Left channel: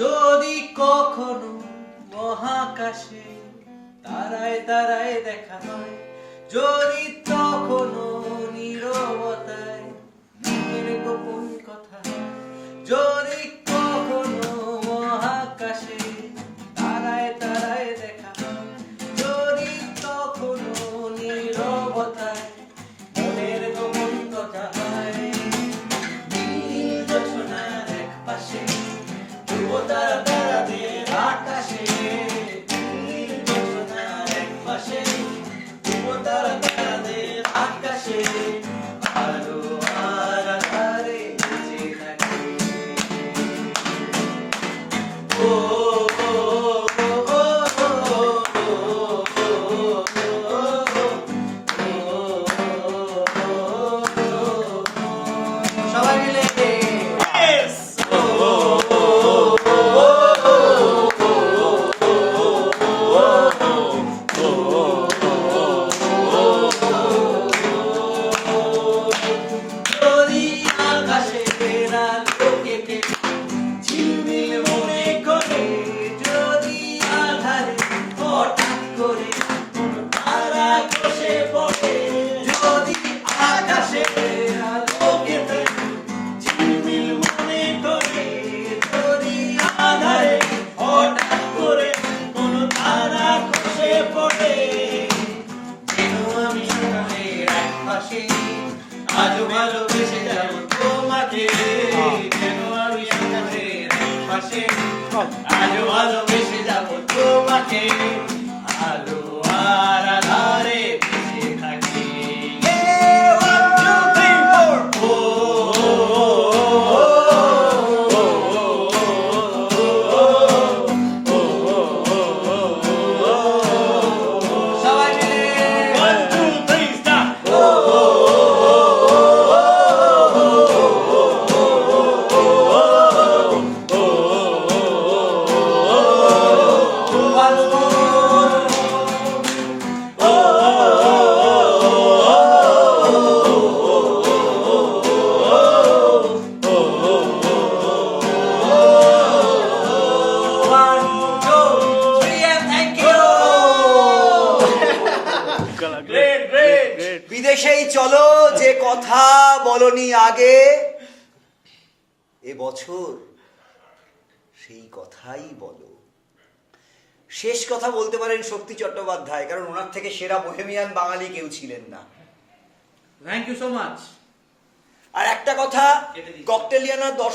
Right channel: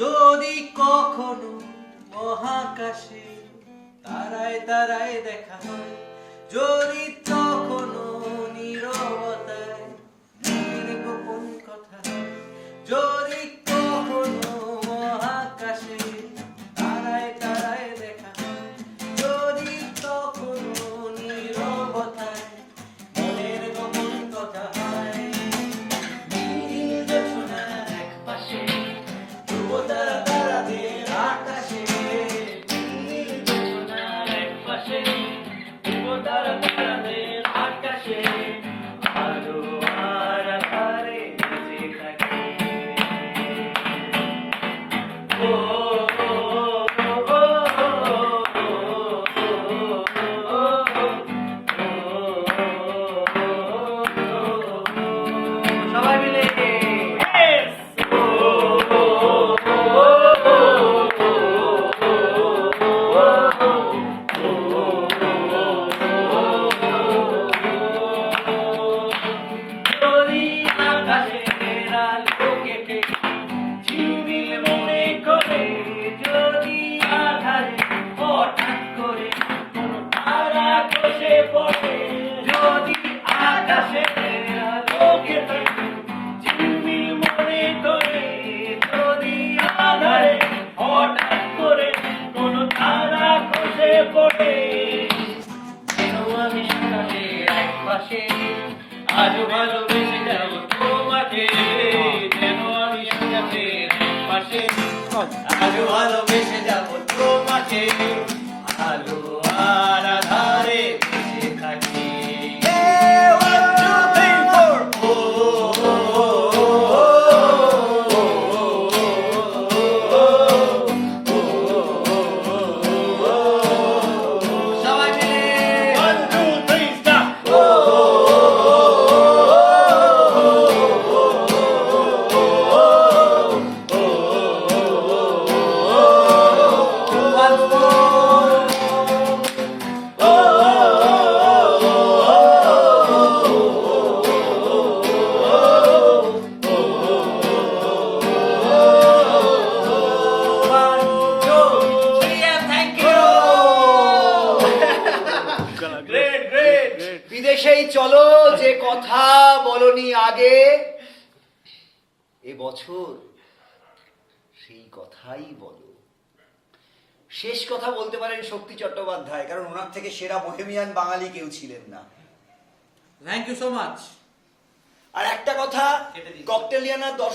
যদি কখনো মহাকাশে তারায় তারায় দেখা হয়, যদি তখনো নীরবতায় মনের গোপন কথা হয়, যদি কখনো মহাকাশে তারায় তারায় দেখা হয়, যদি তখনো নীরবতায় মনের গোপন কথা হয়, নীল জোছনার একপাশে ধ্রুবতারা তারাদের আকাশে, নীল জোছনার একপাশে ধ্রুবতারা তারাদের আকাশে, আলো আর আঁধারে বেঁচে থাকে। ও সবাই মিলে আজও ভালোবেসে যাব তোমাকে, যেন আমি আকাশের পাশে, আজও ভালোবেসে যাব তোমাকে, আলো আর আধারে বেঁচে থাকি। One, two, three, four. সবাই মিলে 1, 2, 3, start. বিদেশেই চলো যে কথা বলনি আগে, এবছর সেই কথাই বলো। শেষ কথা বলতে পারেন শক্তি চট্টোপাধ্যায়, কারণ ওনার থেকে সেরা বোহেমিয়ান বাঙালি কেউ ছিলেন না। Thank you so much. আর একটা কথা, ককটেলিয়ানা দর্শক